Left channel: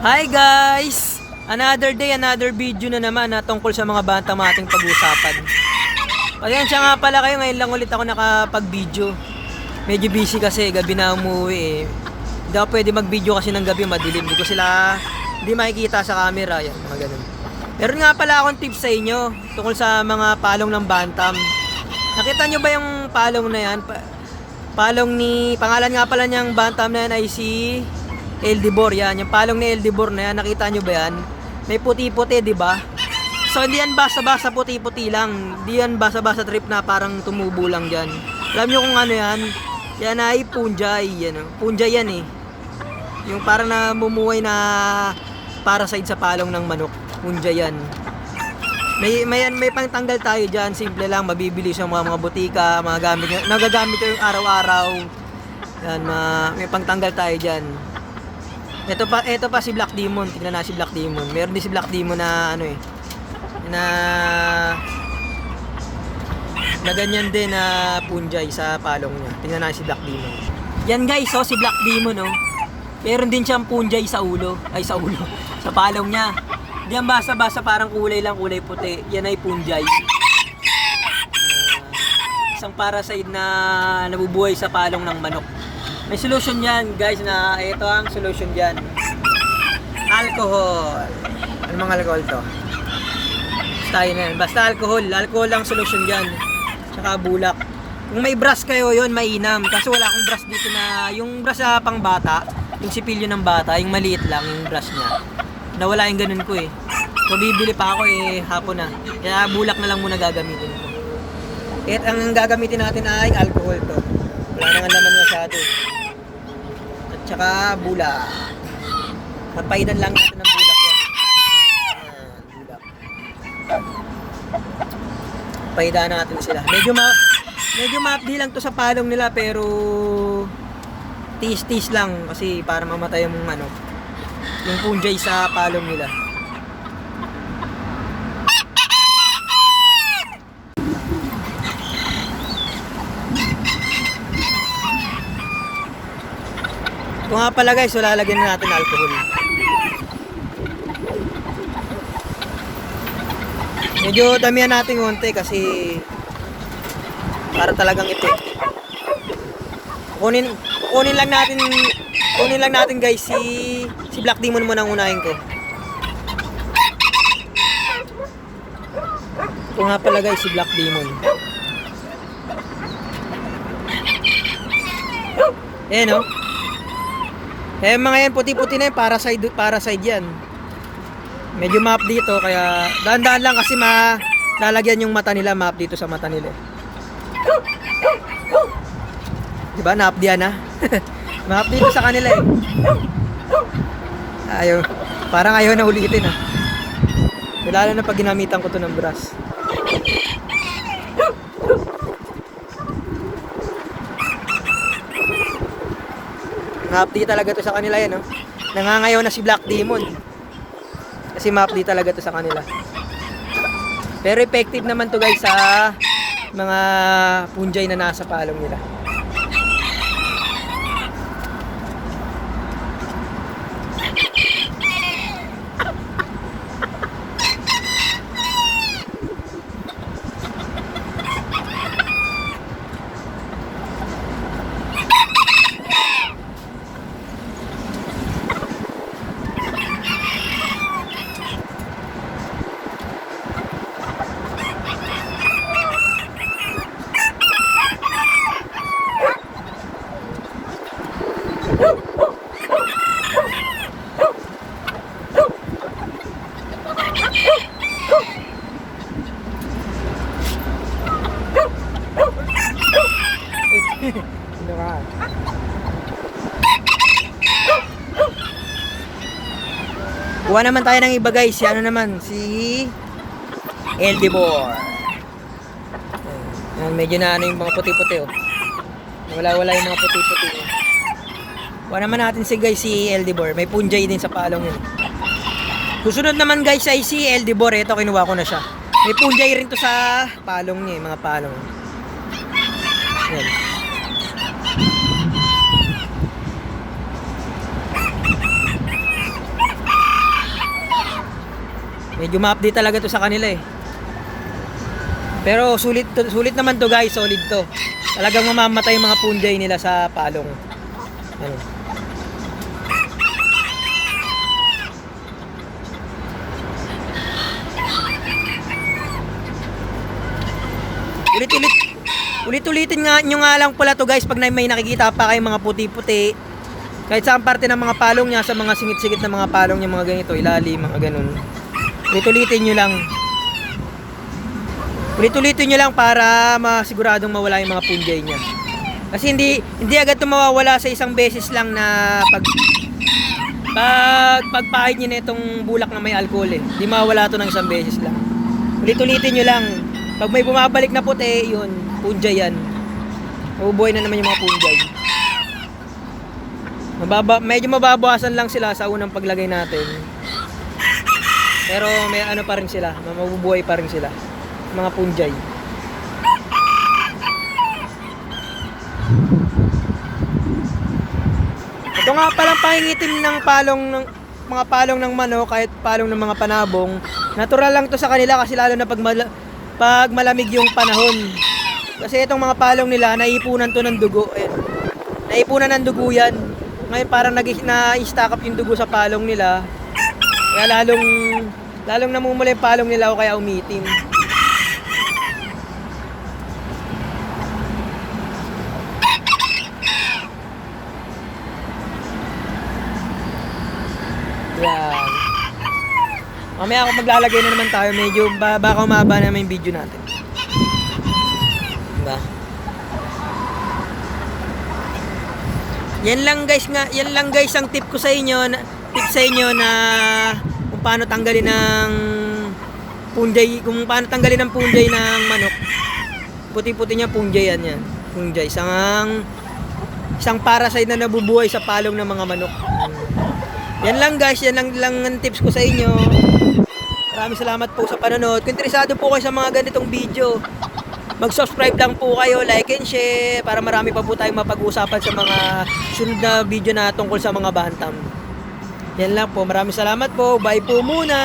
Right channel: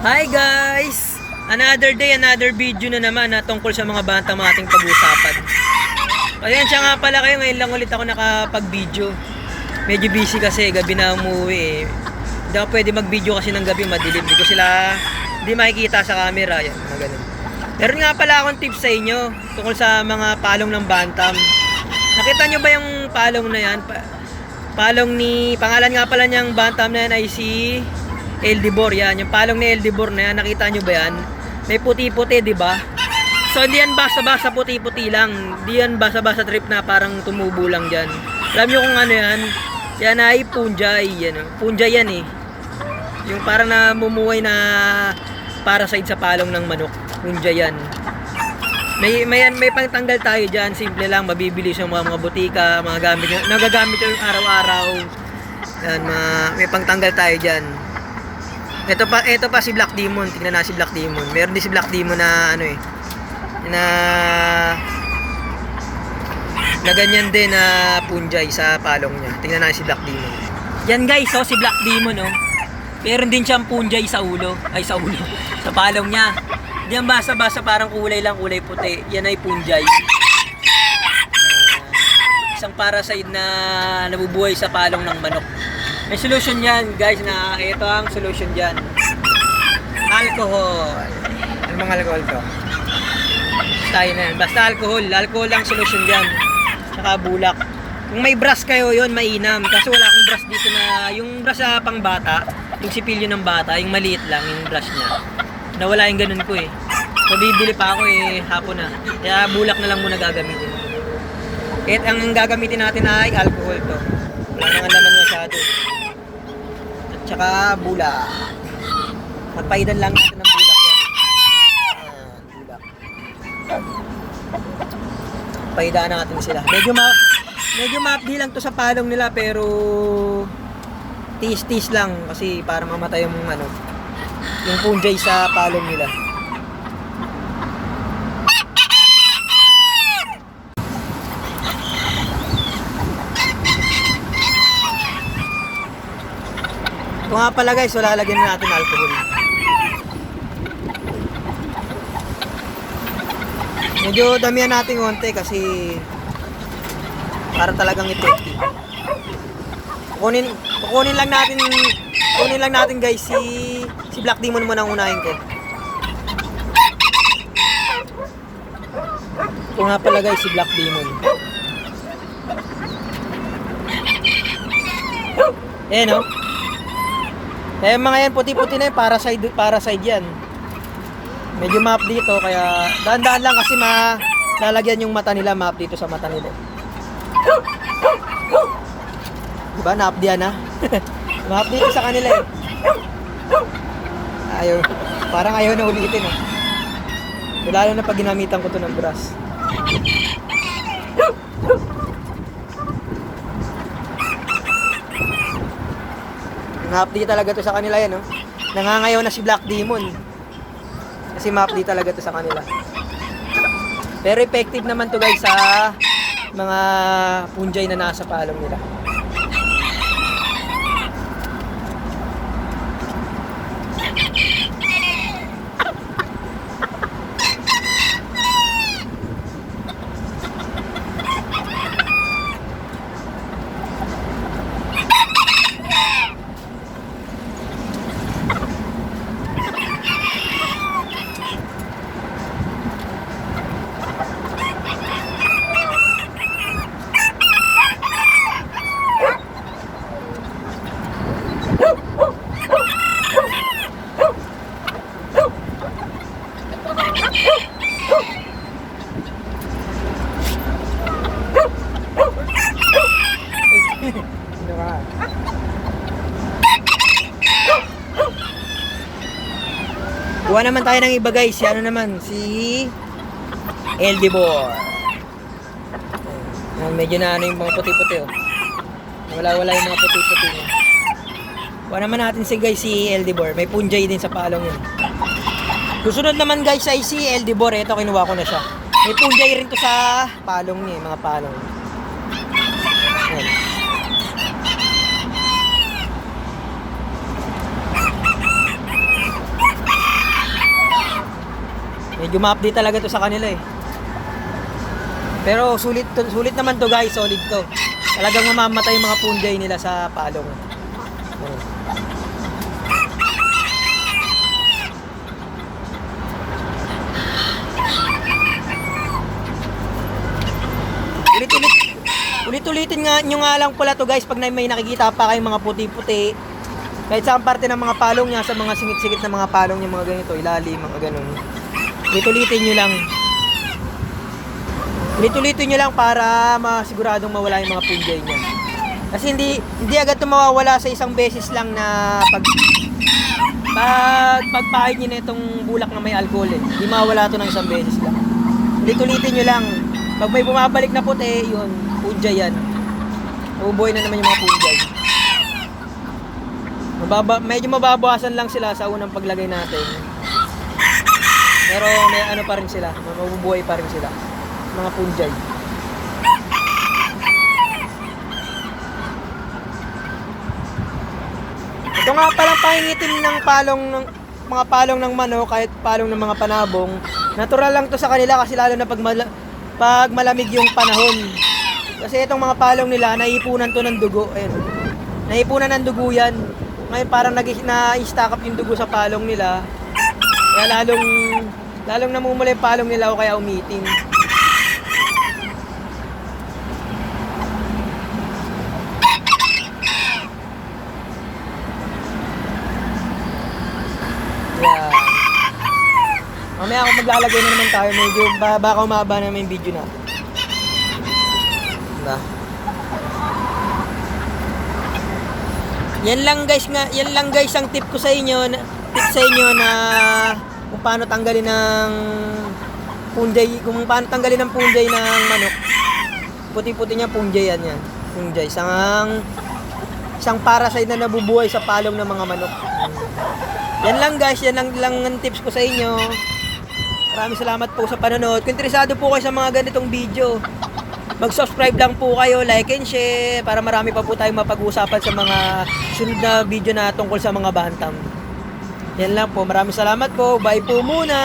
Hi guys! Another day, another video na naman na tungkol sa mga bantang ating pag-uusapan. Pasensya nga pala kayo, ngayon lang ulit ako nakapag-video. Medyo busy kasi, gabi na umuwi eh. Hindi ako pwede mag-video kasi ng gabi, madilim. Hindi ko sila, hindi makikita sa camera. Yan, mga ganun. Meron nga pala akong tips sa inyo tungkol sa mga palong ng bantam. Nakita nyo ba yung palong na yan? Palong ni, pangalan nga pala niyang bantam na yan ay si Eldibor. Yan, yung palong ni Eldibor na yan, nakita nyo ba yan? May puti-puti, di ba? So hindi yan basa-basa puti-puti lang. Hindi yan basa-basa trip na parang tumubo lang dyan. Alam nyo kung ano yan? Yan ay punjay. Yan, punjay yan eh. Yung parang namumuhay na parasite sa palong ng manok. Punjay yan. May pangtanggal tayo dyan. Simple lang, mabibili sa mga butika, mga gamit, nagagamit yung araw-araw. Yan, may pangtanggal tayo dyan. Ito pa si Black Demon. Tingnan na si Black Demon. Meron din si Black Demon na ano eh, na ganyan din na punjay sa palong niya. Tingnan na si Black Demon. Yan guys, oh, si Black Demon oh. Meron din siyang punjay sa ulo. Ay sa ulo. Sa palong niya. Yan basa-basa parang kulay lang, kulay puti. Yan ay punjay. Isang parasite na nabubuhay sa palong ng manok. May solution yan guys, na ito ang solution dyan. Alcohol. Ano mga alcohol to? Tayo na yan. Basta alcohol. Alcohol ang solution dyan. Tsaka bulak. Kung may brush kayo, yun mainam. Kasi wala akong brush dito na, yung brush sa pang bata, yung sipilyo ng bata, yung maliit lang, yung brush niya. Nawala yung ganun ko eh. So bibili pa ako eh, hapon na. Kaya bulak na lang muna gagamitin. Kahit ang gagamitin natin ay alcohol to. Wala nang laman masyado. At saka bulak. Magpaidan lang natin ng bulak yan. Bulak. Paidaan natin sila. Medyo maapdi lang to sa palong nila, pero tis lang kasi para mamatay yung yung punjay sa palong nila. Ito nga pala guys, lalagyan natin alcohol. Medyo damihan natin konti kasi para talagang effective. Kukunin lang natin guys si Black Demon muna ang unahin ko. Ito nga pala guys si Black Demon. Ayan o. Eh mga yan puti-puti na yung parasite yan. Medyo map dito kaya dahan-dahan lang kasi lalagyan yung mata nila, map dito sa mata nila. Diba naapdiyan na? Map dito sa kanila eh. Parang ayaw na ulitin eh. Lalo na pag ginamitan ko to ng brush. Map-di talaga to sa kanila yan, oh. Nangangayaw na si Black Demon. Kasi map-di talaga to sa kanila. Pero effective naman to guys sa mga punjay na nasa palong nila. Kuha naman tayo ng iba guys. Ano naman? Si Eldibor. Medyo na yung mga puti-puti oh. Wala yung mga puti-puti oh. Kuha naman natin si Eldibor. May punjay din sa palong yun. Susunod naman guys ay si Eldibor. Ito kinuha ko na siya. May punjay rin to sa palong niya, mga palong. Ayan. Medyo ma-update talaga to sa kanila eh. Pero sulit naman to guys, solid to. Talagang mamamatay yung mga punjay nila sa palong. Ayan. Ulit-ulitin nga nyo nga lang pala to guys pag may nakikita pa kayong mga puti-puti. Kahit saan parte ng mga palong niya, sa mga singit-singit na mga palong niya, mga ganito, ilalim, mga ganun. Ulit-ulitin nyo lang. Ulit-ulitin nyo lang para masiguradong mawala yung mga punjay niya. Kasi hindi agad ito mawawala sa isang beses lang na pagpahid nyo na itong bulak na may alcohol eh. Hindi mawawala ito ng isang beses lang. Ulit-ulitin nyo lang. Pag may bumabalik na puti, yun, punjay yan. Ubuhay na naman yung mga punjay. Medyo mababawasan lang sila sa unang paglagay natin. Pero may ano pa rin sila, mabubuhay pa rin sila. Mga punjay. Ito nga palang pangingitim ng mga palong ng manok, kahit palong ng mga panabong. Natural lang to sa kanila kasi lalo na pag malamig yung panahon. Kasi itong mga palong nila, naipunan to ng dugo. Naipunan ng dugo yan. Ngayon parang na-stack up yung dugo sa palong nila. Kaya lalong namumula yung palong nila o kaya umitim. Yan. Mamaya ako maglalagay na naman tayo. Medyo baka umaba naman yung video natin. Diba? Yan lang guys ang tip ko sa inyo, na kung paano tanggalin ng punjay, ng manok. Puti-puti niya punjay yan. Punjay, isang parasite na nabubuhay sa palong ng mga manok. Yan lang guys, yan lang ang tips ko sa inyo. Maraming salamat po sa panonood. Kung interesado po kayo sa mga ganitong video, mag-subscribe lang po kayo, like and share, para marami pa po tayong mapag-uusapan sa mga sunod na video na tungkol sa mga bantam. Yan lang po. Maraming salamat po. Bye po muna.